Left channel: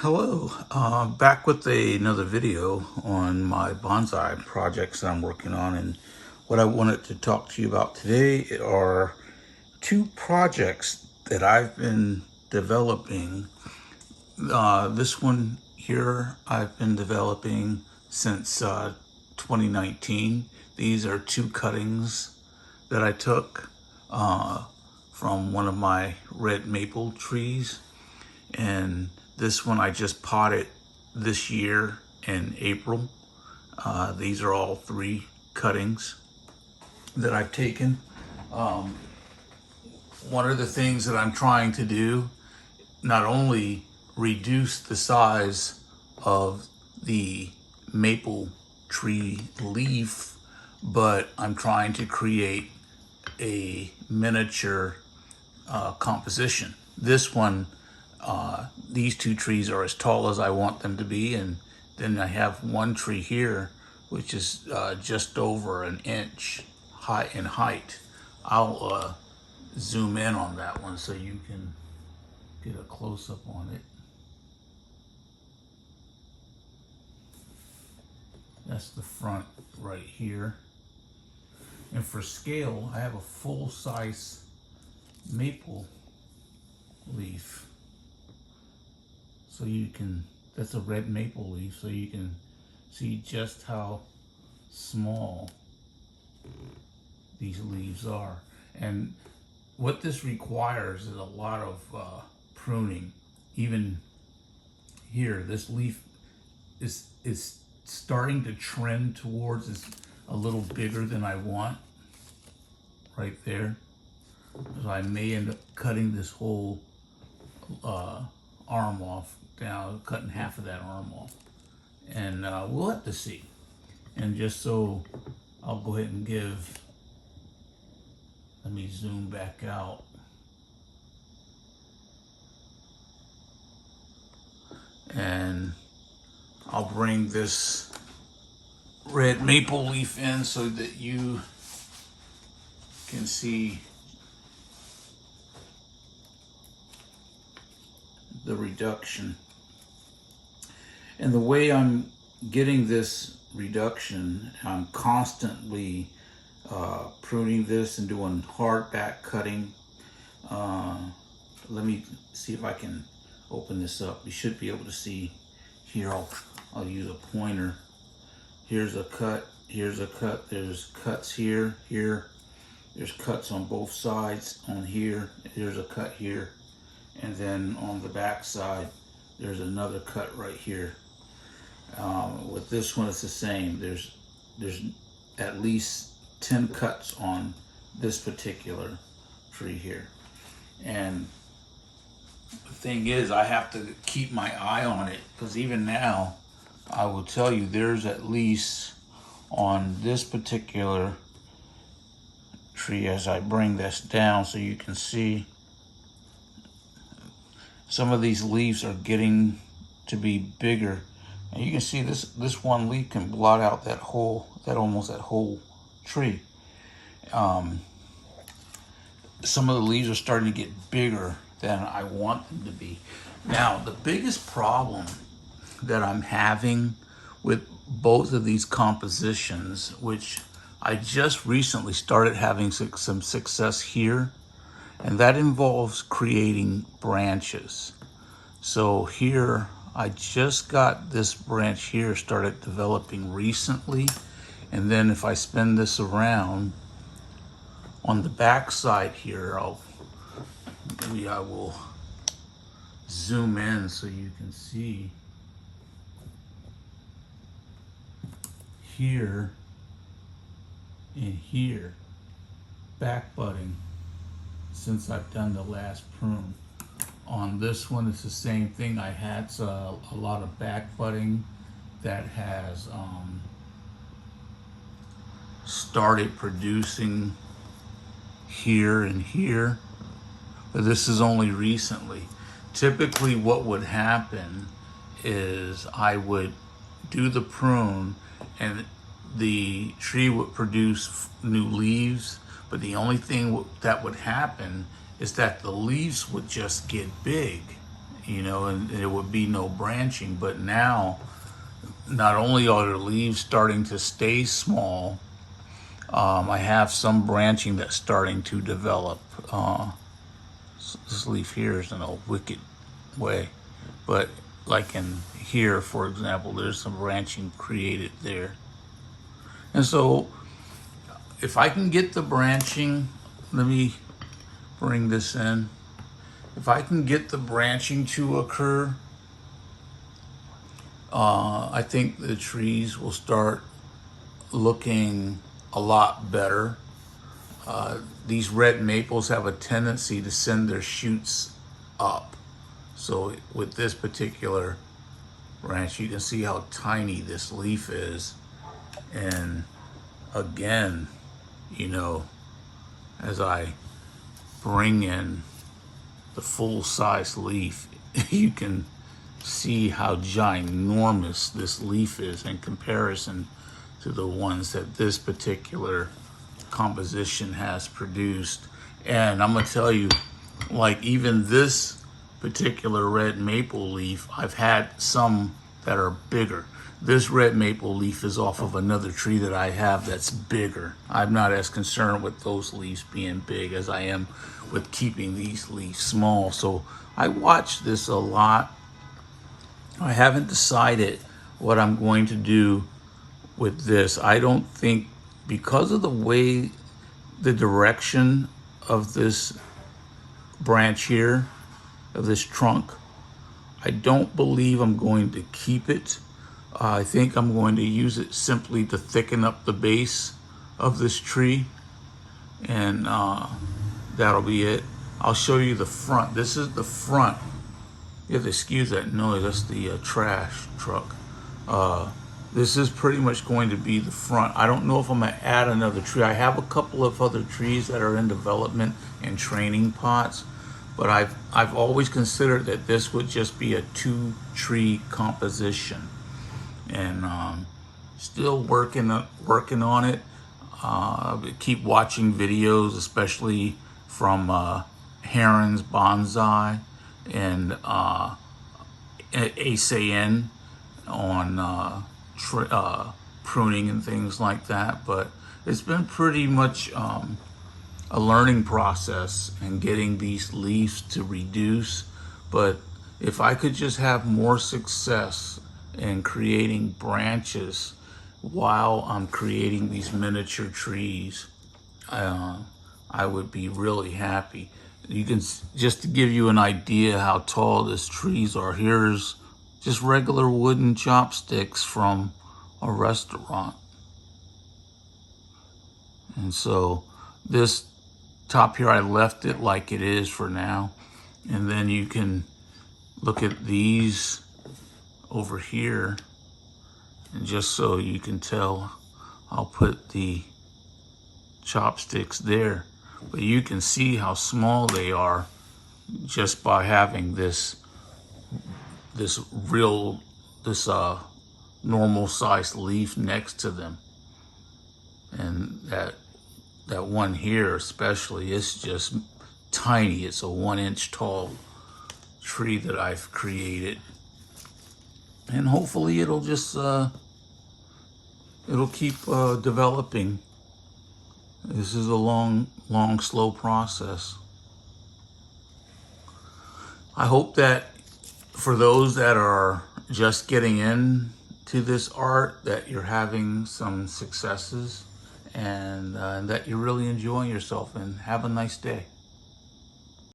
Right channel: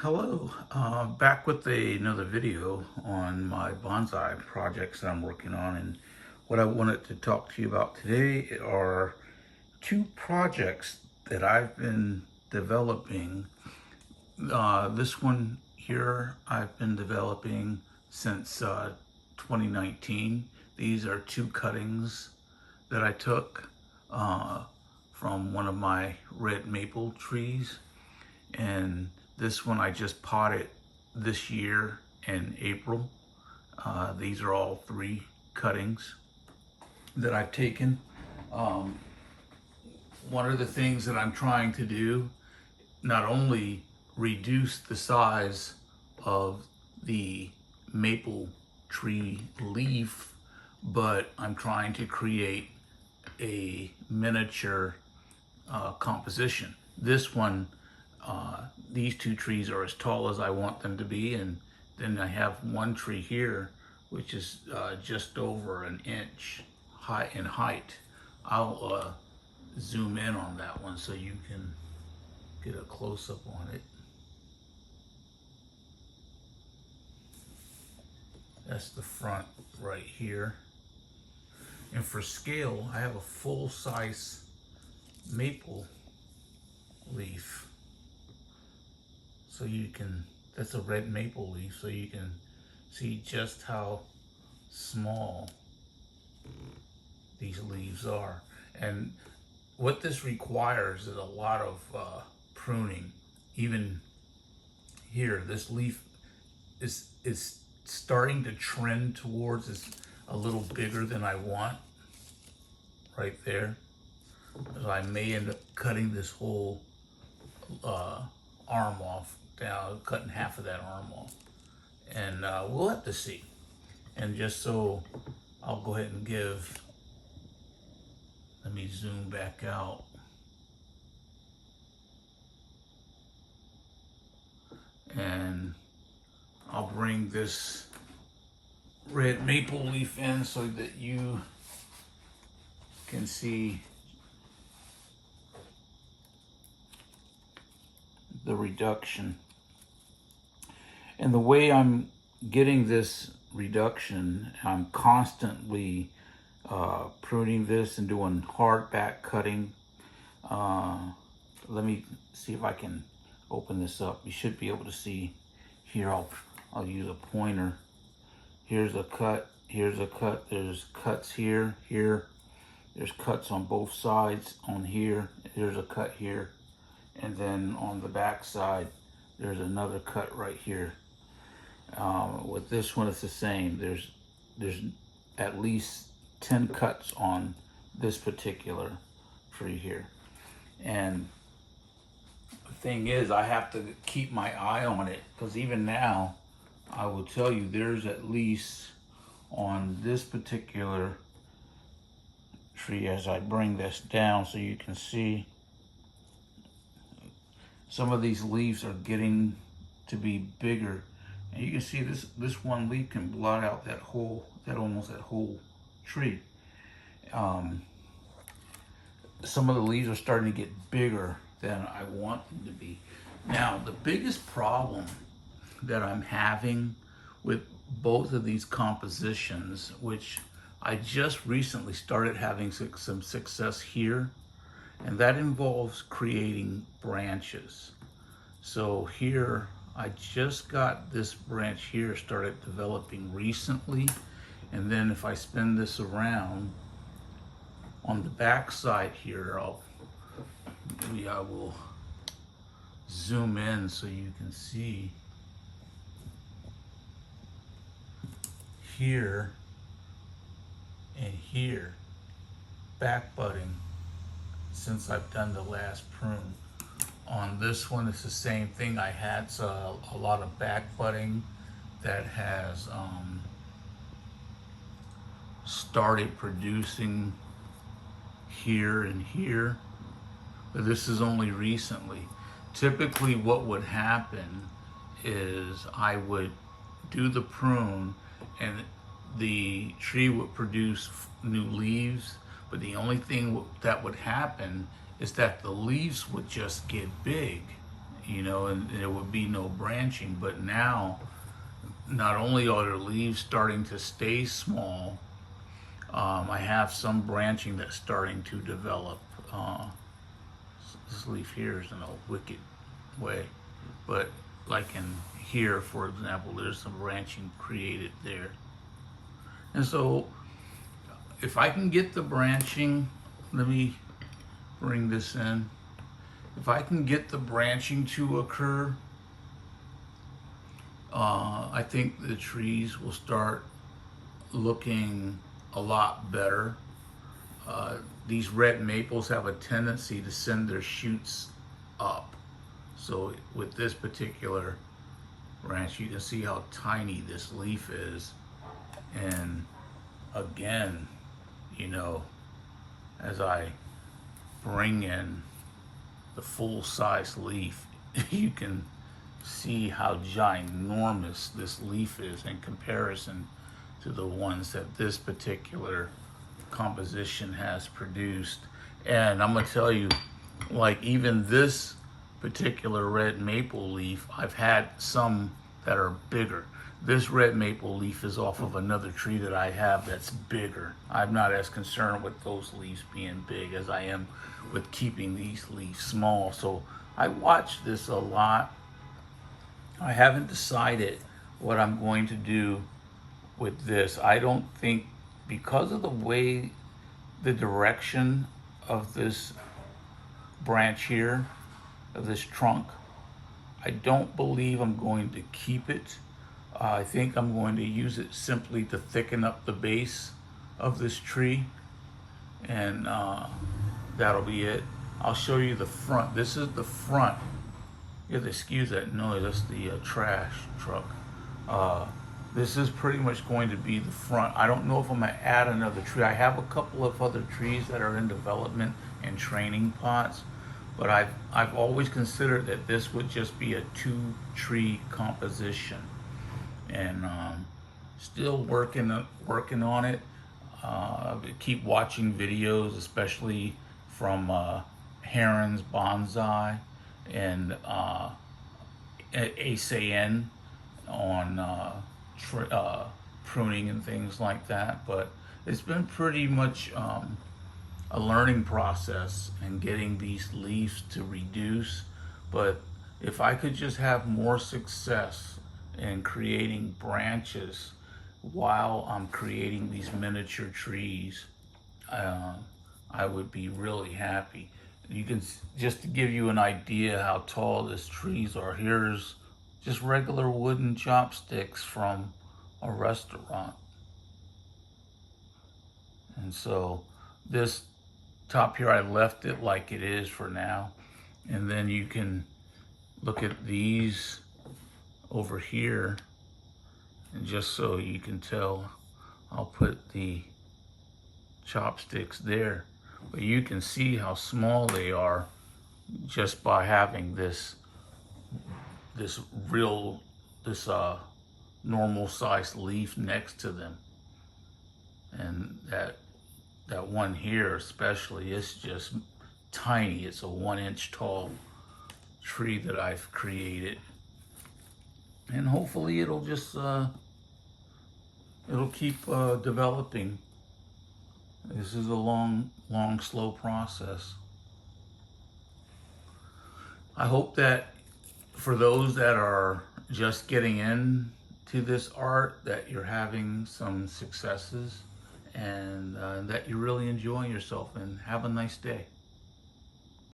Hello, back with another video on my bonsai projects I'm working on, and what I wanted to talk to you about today are two projects that I've been developing. This one here I've been developing since 2019. These are two cuttings that I took from one of my red maple trees, and this one I just potted this year in April. These are all three cuttings that I've taken. One of the things that I'm trying to do, not only reduce the size of the maple tree leaf, but I'm trying to create a miniature composition. This one, these two trees are as tall as I want them to be, and then I have one tree here which is just over an inch high in height. I'll zoom in on that one so you can get a close-up on it. That's the front right here. And for scale, I have a full-size maple leaf. So you can, that's a red maple leaf, so you can see just how small these leaves are. And what this requires is a lot of pruning. Even here, this leaf is starting to trend towards, it's a little bigger than I want right there. So I may end up cutting this whole arm off, down, cutting half of that arm off. And we'll have to see. And just so I'll go ahead and give, let me zoom back out. And I'll bring this red maple leaf in so that you can see the reduction. And the way I'm getting this reduction, I'm constantly pruning this and doing hard back cutting. Let me see if I can open this up. You should be able to see here. I'll use a pointer. Here's a cut, here's a cut, there's cuts here, there's cuts on both sides, on here, there's a cut here, and then on the back side, there's another cut right here. With this one, it's the same. There's at least 10 cuts on this particular tree here. And the thing is, I have to keep my eye on it, because even now, I will tell you, there's at least on this particular tree, as I bring this down so you can see, some of these leaves are getting to be bigger. And you can see this one leaf can blot out that whole tree. Some of the leaves are starting to get bigger than I want them to be. Now, the biggest problem that I'm having with both of these compositions, which I just recently started having some success here, and that involves creating branches. So here, I just got this branch here started developing recently, and then if I spin this around on the back side here, maybe I will zoom in so you can see here and here, back budding since I've done the last prune. On this one, it's the same thing. I had a lot of back budding that has started producing here and here, but this is only recently. Typically what would happen is I would do the prune and the tree would produce new leaves, but the only thing that would happen is that the leaves would just get big, you know, and there would be no branching. But now, not only are the leaves starting to stay small, I have some branching that's starting to develop. This leaf here is in a wicked way, but like in here, for example, there's some branching created there. And so if I can get the branching, let me bring this in. If I can get the branching to occur, I think the trees will start looking a lot better. These red maples have a tendency to send their shoots up. So with this particular branch, you can see how tiny this leaf is. And again, you know, as I bring in the full-size leaf, you can see how ginormous this leaf is in comparison to the ones that this particular composition has produced. And I'm gonna tell you, like even this particular red maple leaf, I've had some that are bigger. This red maple leaf is off of another tree that I have that's bigger. I'm not as concerned with those leaves being big as I am with keeping these leaves small. So I watch this a lot. I haven't decided what I'm going to do with this. I don't think, because of the way, the direction of this branch here, of this trunk, I don't believe I'm going to keep it. I think I'm going to use it simply to thicken up the base of this tree, and that'll be it. I'll show you the front. This is the front. You have to excuse that noise, that's the trash truck. This is pretty much going to be the front. I don't know if I'm gonna add another tree. I have a couple of other trees that are in development and training pots, but I've always considered that this would just be a 2-tree composition. And still working on it. Keep watching videos, especially from Heron's Bonsai and Acer on pruning and things like that. But it's been pretty much a learning process and getting these leaves to reduce. But if I could just have more success in creating branches while I'm creating these miniature trees, I would be really happy. You can, just to give you an idea how tall these trees are, here's just regular wooden chopsticks from a restaurant. And so this top here, I left it like it is for now. And then you can look at these over here, and just so you can tell, I'll put the chopsticks there, but you can see how small they are just by having this normal sized leaf next to them. And that one here especially is just tiny. It's a 1-inch tall tree that I've created. And hopefully it'll just, it'll keep developing. This is a long, slow process. I hope that for those that are just getting into this art, that you're having some successes and that you're really enjoying yourself, and have a nice day.